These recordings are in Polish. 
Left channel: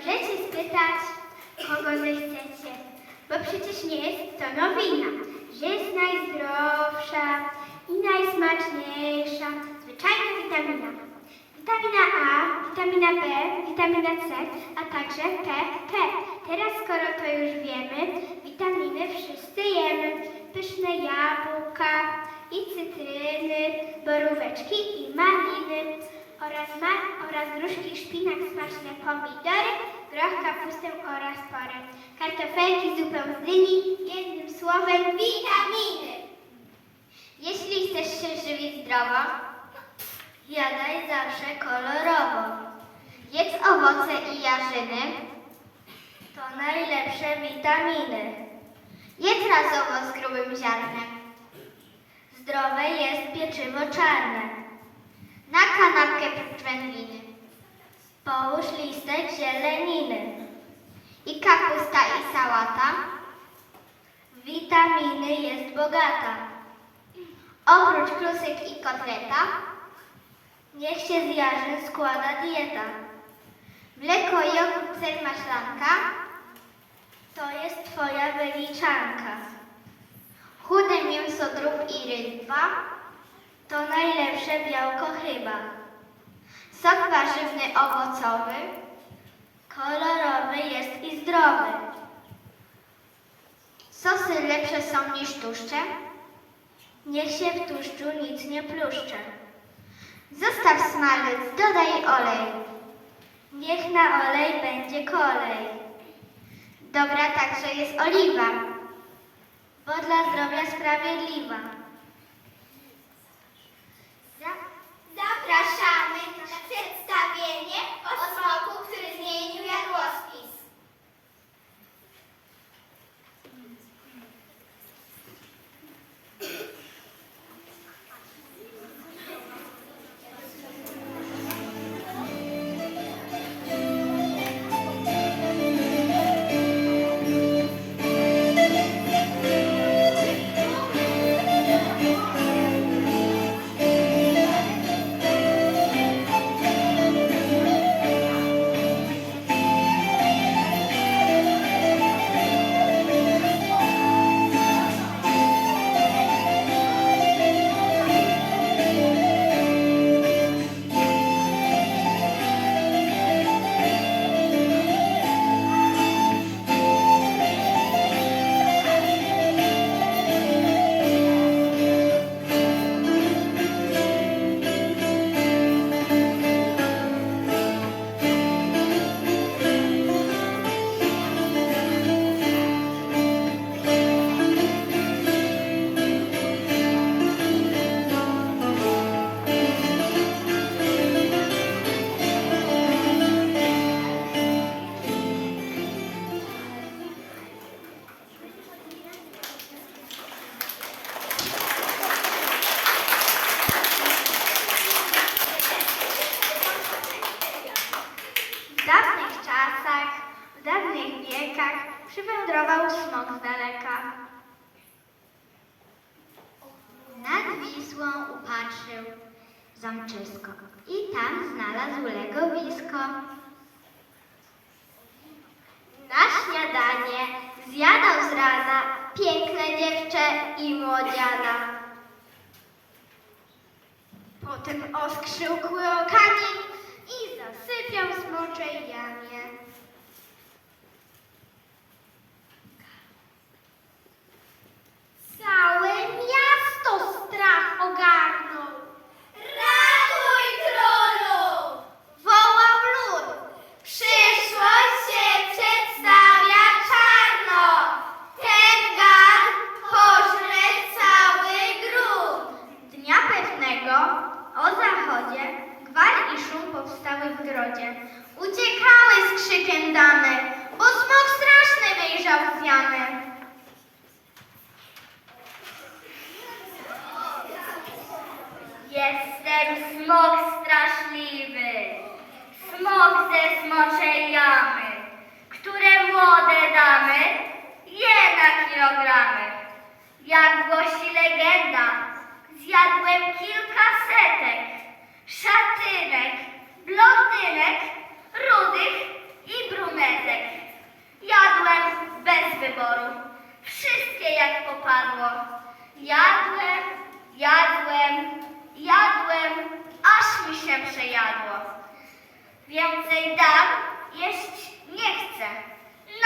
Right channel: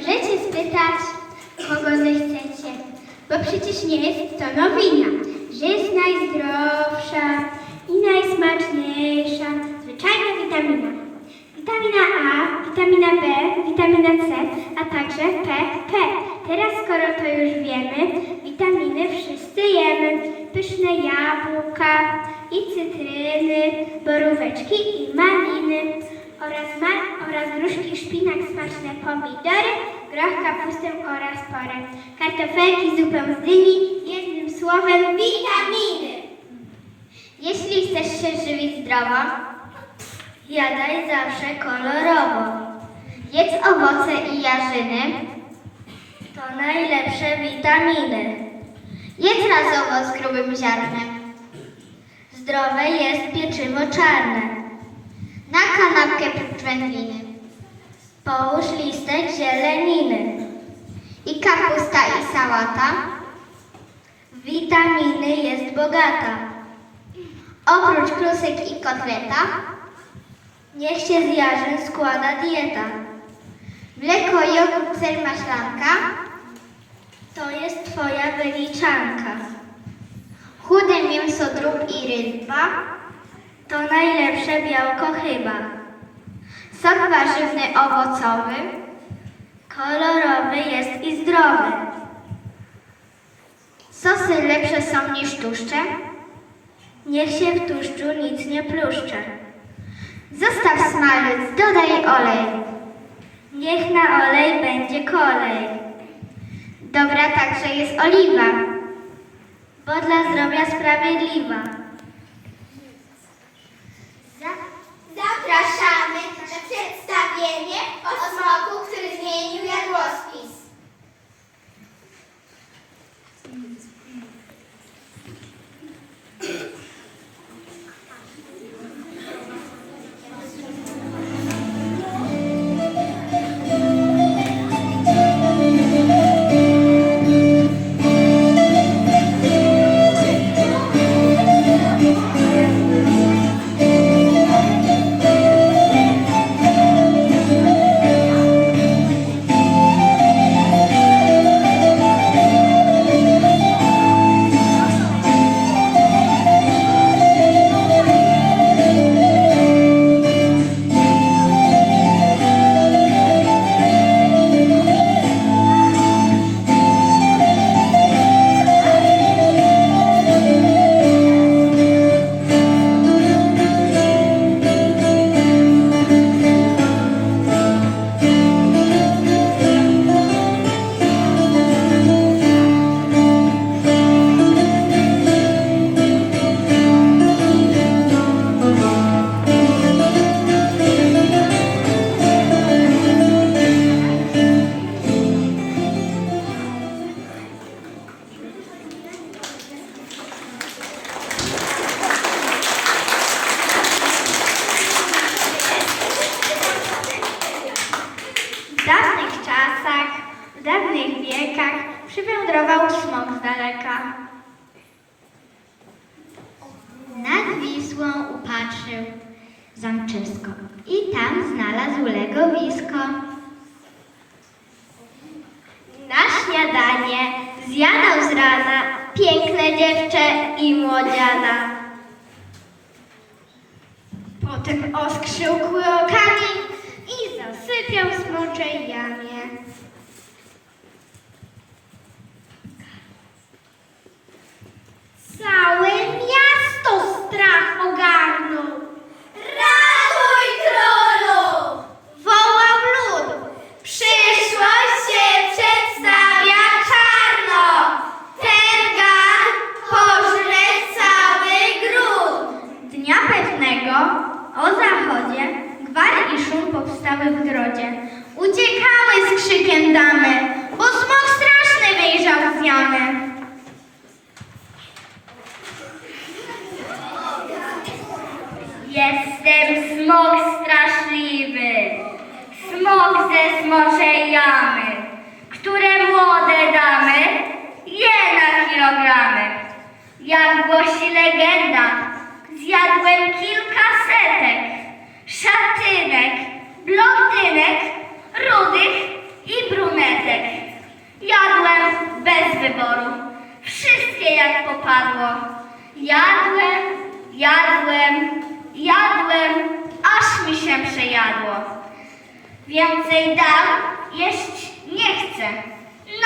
Możecie spytać, kogo zechcecie, bo przecież nie jest to nowina, że jest najzdrowsza i najsmaczniejsza zwyczajna witamina. Witamina A, witamina B, witamina C, a także PP. Teraz, skoro to już wiemy, witaminy wszyscy jemy. Pyszne jabłka i cytryny, boróweczki i maliny oraz, ma, oraz gruszki, szpinak, smaczne pomidory, groch, kapustę oraz porę. Kartofelki, zupę z dyni, jednym słowem witaminy. Jeśli chcesz się żywić zdrowo, Jadaj zawsze kolorowo. Jedz owoce i jarzyny. To najlepsze witaminy. Jedz razowo z grubym ziarnem. Zdrowe jest pieczywo czarne. Na kanapkę wędliny. Połóż listek zieleniny. I kapusta i sałata. Witaminy jest bogata. Oprócz klusek i kotleta, Niech się z jarzyn składa dieta. Mleko, jogurt, ser, maślanka to jest twoja wyliczanka. Chude mięso, drób i ryba to najlepsze białko chyba. Sok warzywny, owocowy, kolorowy jest i zdrowy. Sosy lepsze są niż tłuszcze, niech się w tłuszczu nic nie pluszcze. Zostaw smalec, dodaj olej. Niech na olej będzie kolej. Dobra także jest oliwa, bo dla zdrowia sprawiedliwa. Zamczysko i tam znalazł legowisko. Na śniadanie zjadał z rana piękne dziewczę i młodziana. Potem oskrzył kamień i zasypiał smoczej jamie. O zachodzie gwar i szum powstały w grodzie. Uciekały z krzykiem damy, bo smok straszny wyjrzał z jamy. Jestem smok straszliwy, smok ze smoczej jamy, które młode damy je na kilogramy. Jak głosi legenda, zjadłem kilka setek szatynek, blondynek, rudych i brudnych. bez wyboru. Wszystkie jak popadło. Jadłem, jadłem, jadłem, aż mi się przejadło. Więcej dam, jeść nie chcę.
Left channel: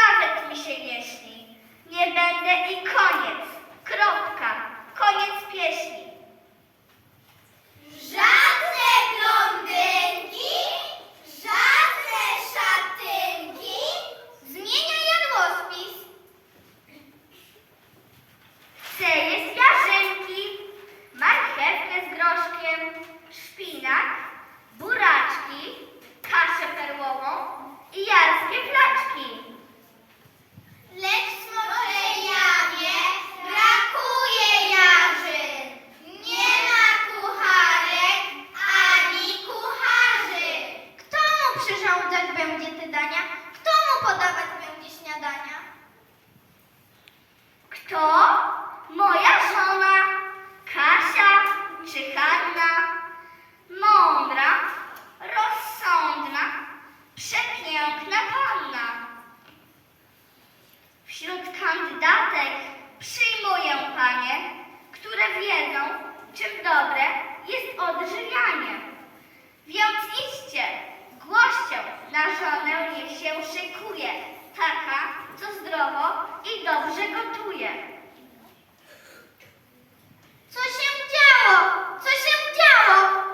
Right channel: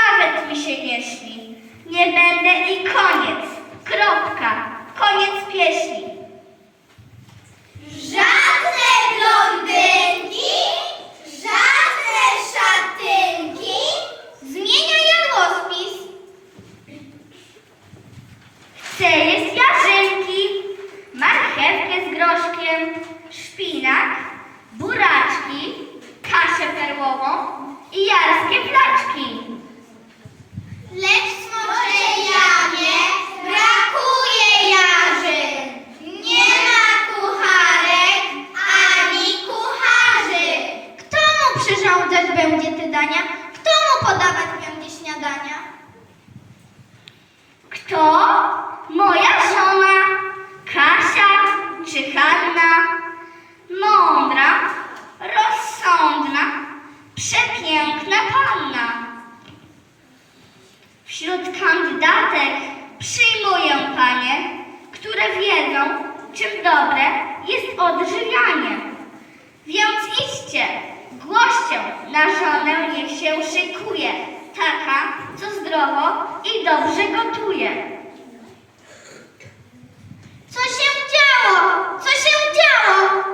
Nawet mi się nie śni. Nie będę i koniec. Kropka. Koniec pieśni. Żadne blondynki, żadne szatynki. Zmienia jadłospis. Chcę jeść jarzynki, marchewkę z groszkiem, szpinak, buraczki, kaszę perłową i jarskie placzki. Lecz w smoczej jamie brakuje jarzyn. Nie ma kucharek ani kucharzy. Kto mu przyrządzać będzie te dania? Kto mu podawać będzie śniadania? Kto? Moja żona, Kasia czy Hanna? Mądra, rozsądna, przepiękna panna. Wśród kandydatek przyjmuję panie, które wiedzą, czym dobre jest odżywianie. Więc idźcie, głoście, na żonę niech się szykuje, taka, co zdrowo i dobrze gotuje. Co się działo? Co się działo?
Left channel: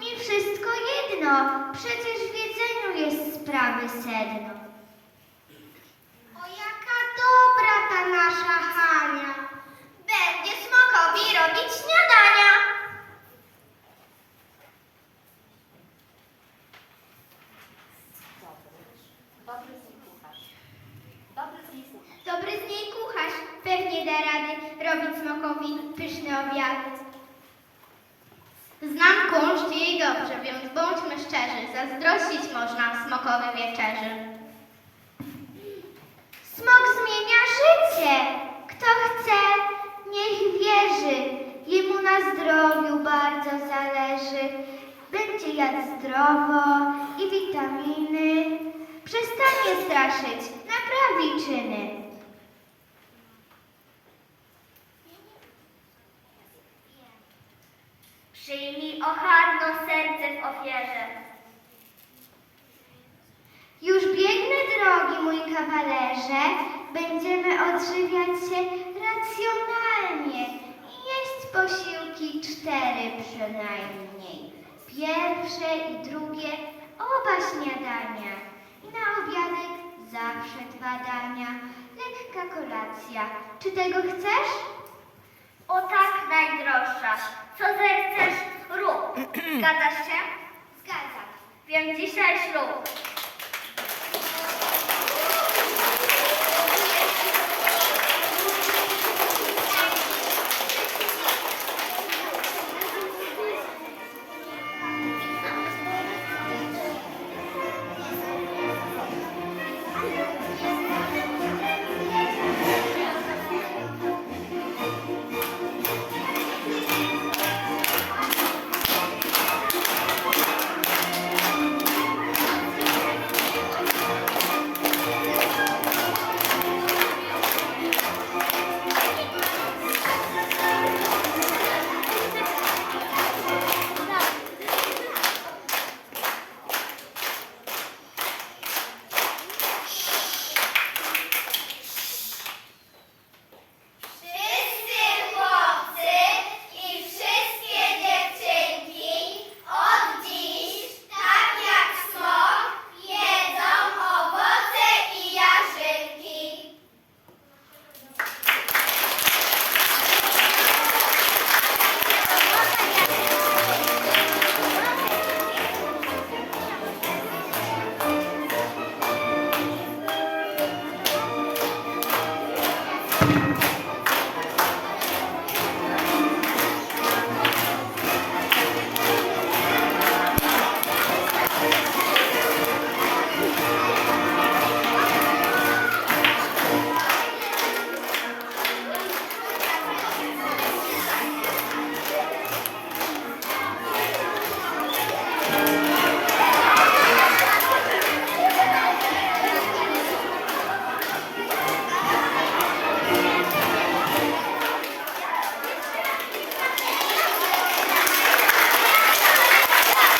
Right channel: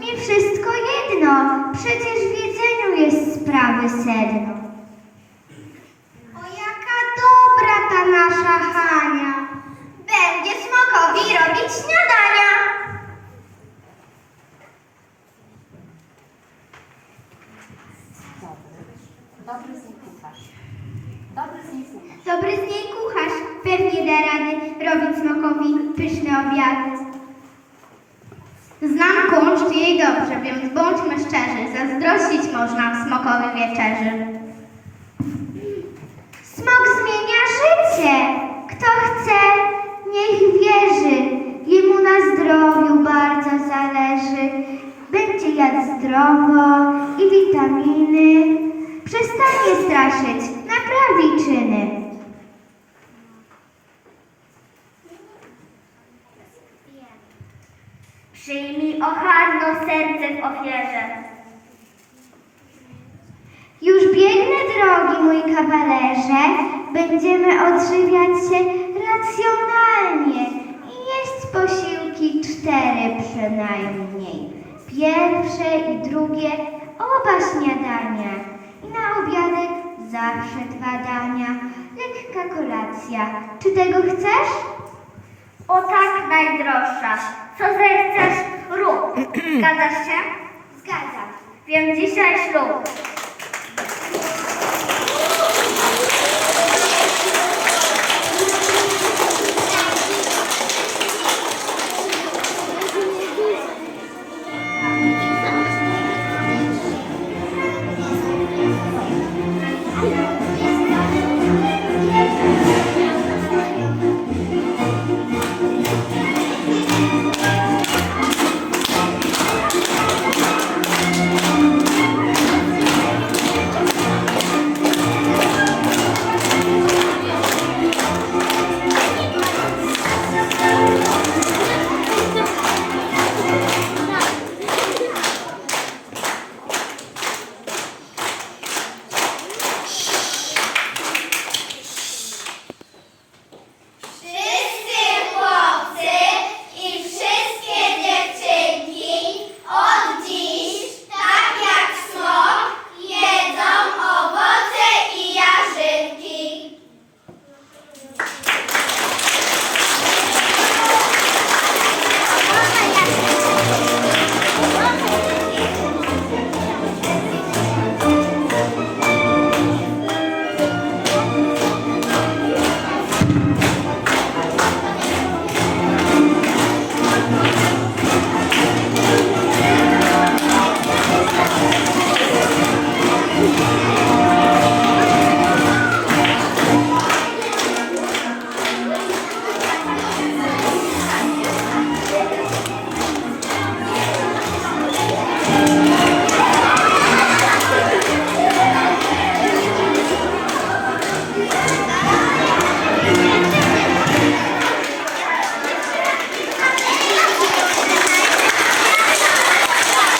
Mi wszystko jedno, przecież w jedzeniu jest sprawy sedno. O jaka dobra ta nasza Hania. Będzie smokowi robić śniadania. Dobry z niej kucharz. Dobry z niej kucharz. Dobry z niej kucharz, pewnie da rady robić smokowi pyszne obiady. Znam kunszt jej dobrze, więc bądźmy szczerzy, zazdrościć można smokowi wieczerzy. Smok zmienia życie. Kto chce, niech wierzy. Jemu na zdrowiu bardzo zależy. Będzie jadł zdrowo i witaminy. Przestanie straszyć, naprawi czyny. W ofierze. Już biegnę, drogi mój kawalerze. Będziemy odżywiać się racjonalnie i jeść posiłki cztery przynajmniej. Pierwsze i drugie oba śniadania. I na obiadek zawsze dwa dania. Lekka kolacja. Czy tego chcesz? O tak, najdroższa. Co zechcesz, rób. Zgadzasz się? Zgadzam. Więc dzisiaj ślub.